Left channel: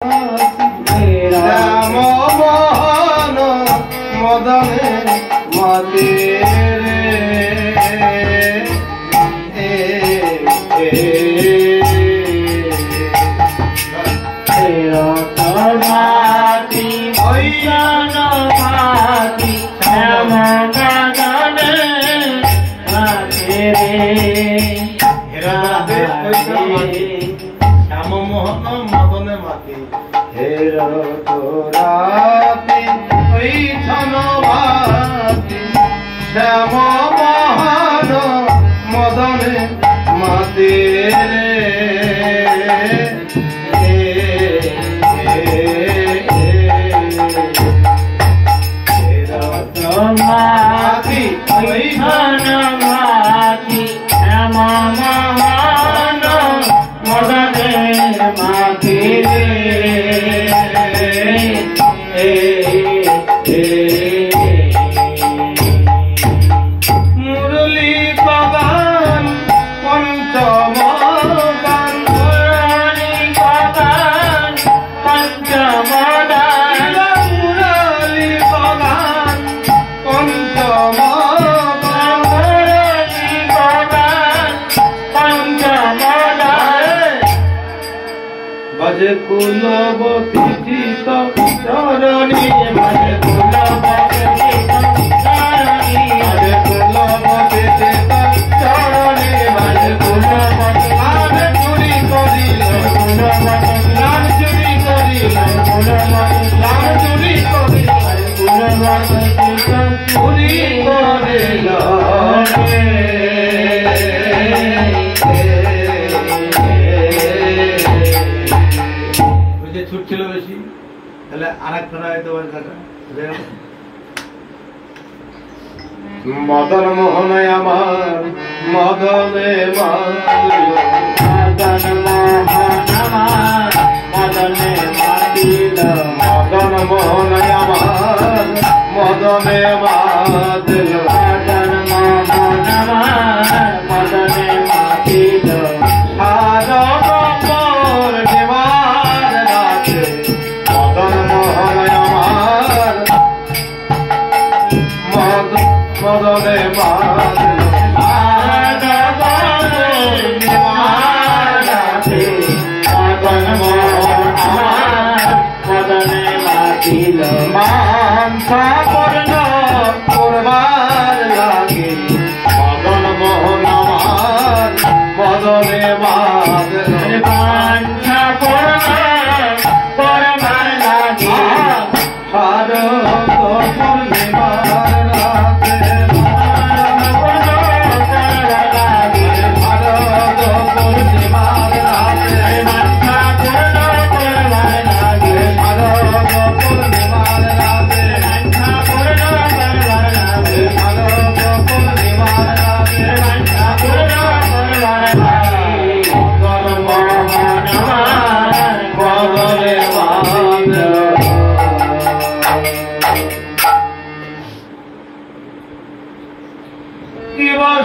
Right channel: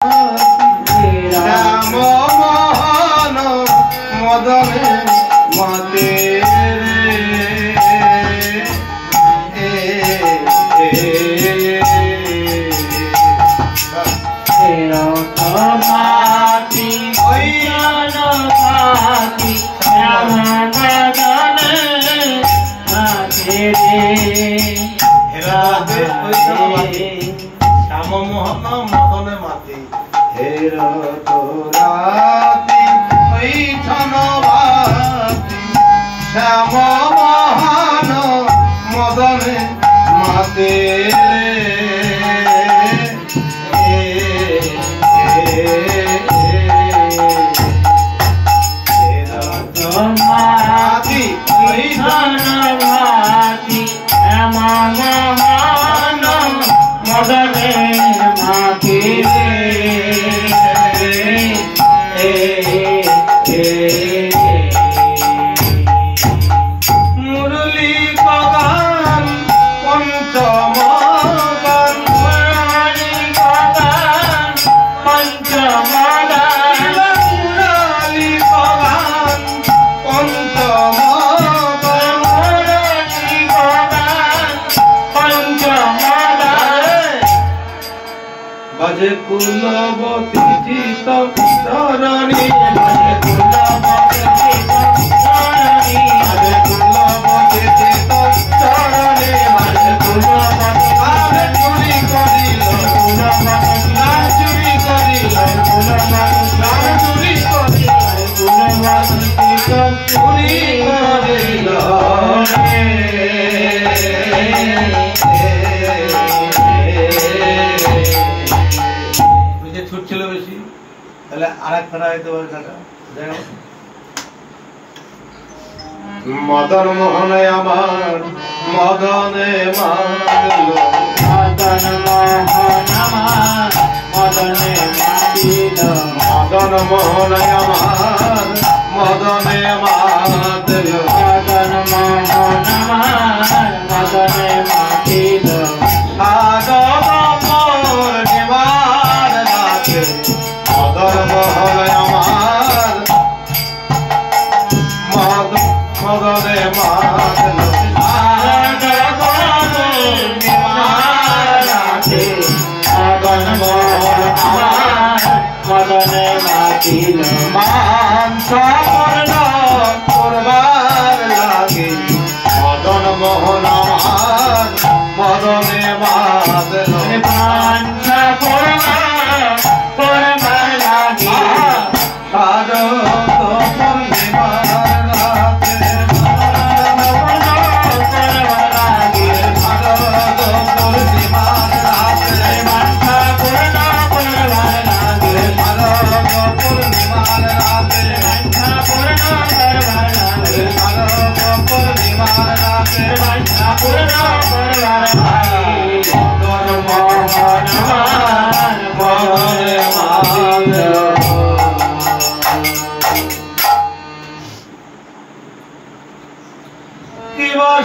শ্যাম মোহন মদনে মতে শ্যামমোহন মদনে মাতে হের তোরাতি ওইছন ভাতি শ্যামমোহন মদনে মাতে মাতি ওইছন ভাতি শ্যামমোহন মদনে মাতে মুরলী বাগান পঞ্চম গান মুরলী বাগান পঞ্চম গান মুরলী বাগান পঞ্চম গান মুরলী বাগান পঞ্চম গান বাজে কুলবতী চিত চরণী বাজে কুলবতী চিত চরণী বাজে কুলবতী চিত চরণী বাজে কুলবতী গান চুরি করিল কুলবতী গান চুরি করিল কুলবতী গান চুরি করিল কুলবতী চুরি করিল ছুটছিল বেশি তাহলে আরেক ফেরা হইতে পারে কাকা মদন মোহনে আমার মদনে মাতিল মদন মোহন আমার মদনে মাতিল মদন মোহনে আমার মদনে মাতিল মদন মোহন আমার মদনে মাতিল মদনে মাতিল মদনে মাতিল মানসা পর্ণ পূর্বার লাগে মদন মোহন আমার মদনে মাতিল মানসা পর্ণ পূর্বার লাগে শারদ পূর্ণিমা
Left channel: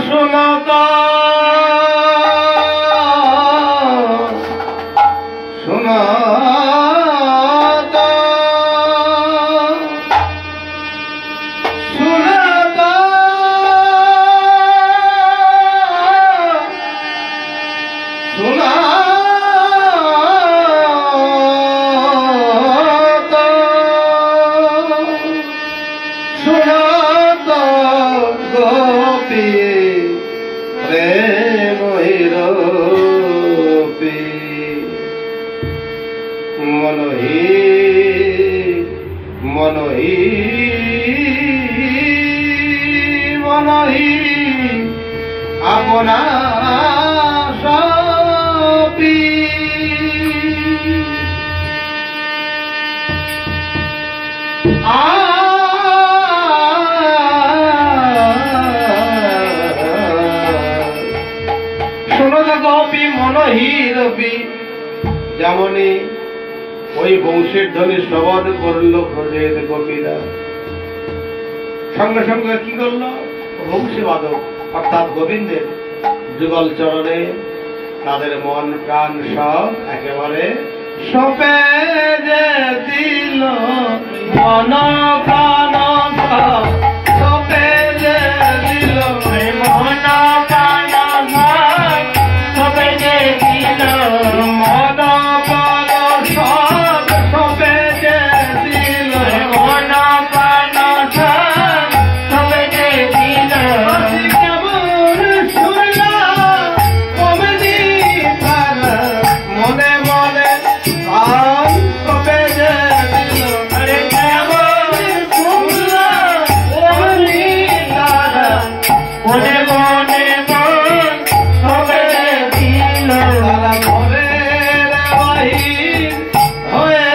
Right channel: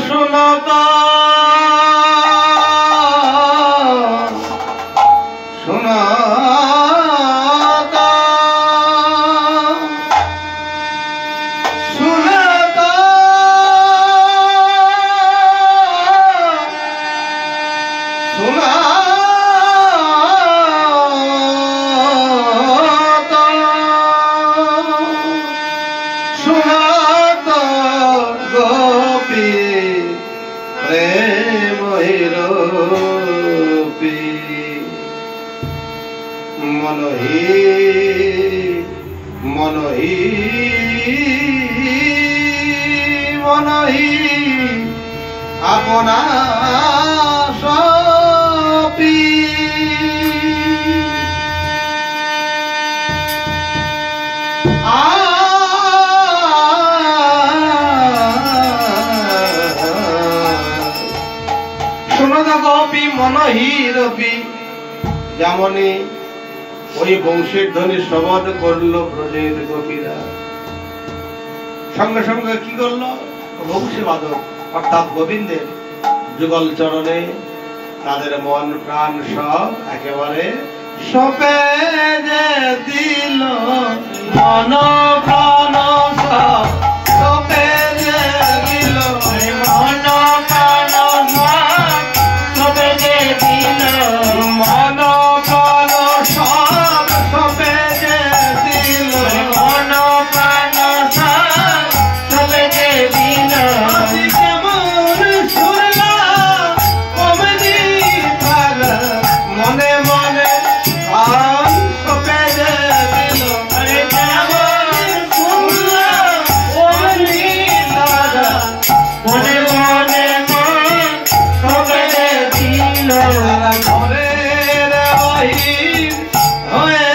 শুনতা শুনতা শুনতা শুনতা গোপী প্রেম হিরোপি মনহি মনহি মনহি আপনা সপি গোপী মনহিরবি যেমনি ওই বংশের ধ্বনি শ্রবণ করলো ব্রজের গোপীরা সঙ্গে সঙ্গে কি করলো বংশীবাদক অর্থাৎ গোবিন্দের যুগল চরণে তাদের মন প্রাণ সব একেবারে সপে যে দিল মন প্রাণ সব সপে যে দিল মন প্রাণ সব সপে যে দিল মন প্রাণ সব সপে যে দিল মন প্রাণ সব সপে যে দিল আজি কেমন শুনলা কমনি তার মনে মনে প্রাণ সপে যে দিল আরে কেমন শুনলা কমনি তার মনে মনে মন সপে দিল তারা ঘরের বাহির হয়ে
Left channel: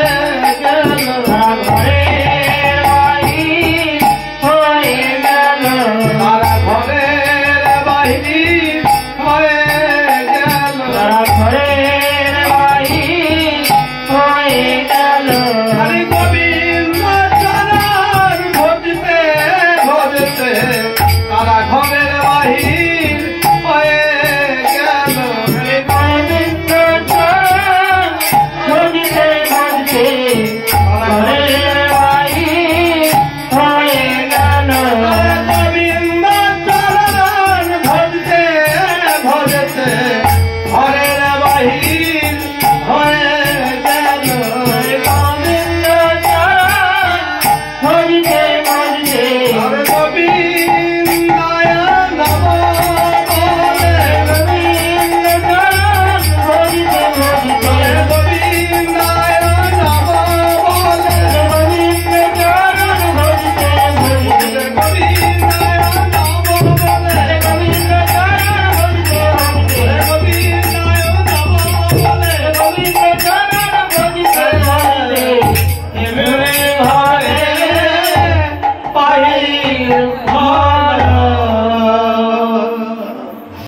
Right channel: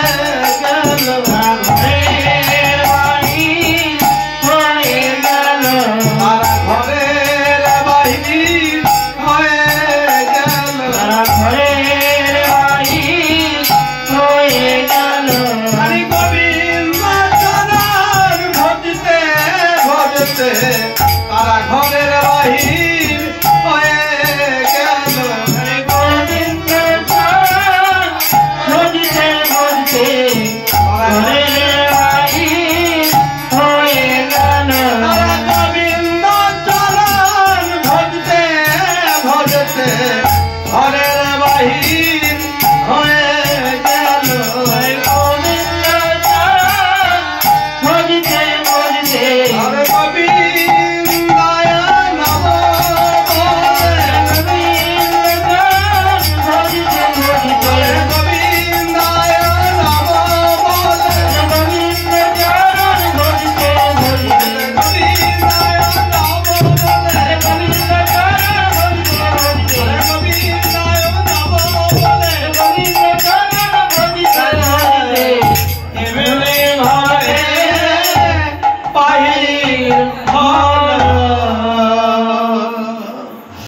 গেল ঘরের বাহির হয়ে গেল তারা ঘরের বাহির হয়ে গেল তারা ঘরের বাহির হয়ে গেল হরি গোবিন্দ চরণ ভজতে ভজতে তারা ঘরের বাহির হয়ে গেল হরে গোবিন্দ চরণ ভজতে ভজতে ঘরের বাহির হয়ে গেল তারা গোবিন্দ চরণ ভজতে ভজতে ঘরের বাহির হয়ে গেল হরে গোবিন্দ চরণ ভজতে ভজতে হরে গোবিন্দায় নমঃ বলে গোবিন্দ চরণ ভজতে ভজতে হরে গোবিন্দায় নমঃ বলে গোবিন্দ চরণ ভজতে ভজতে গোবিন্দায় নমঃ বলে গোবিন্দ চরণ ভজতে ভজতে গোবিন্দায় নমঃ বলে গোবিন্দ চরণ ভজতে ভজতে এমনি ঘরে বাহির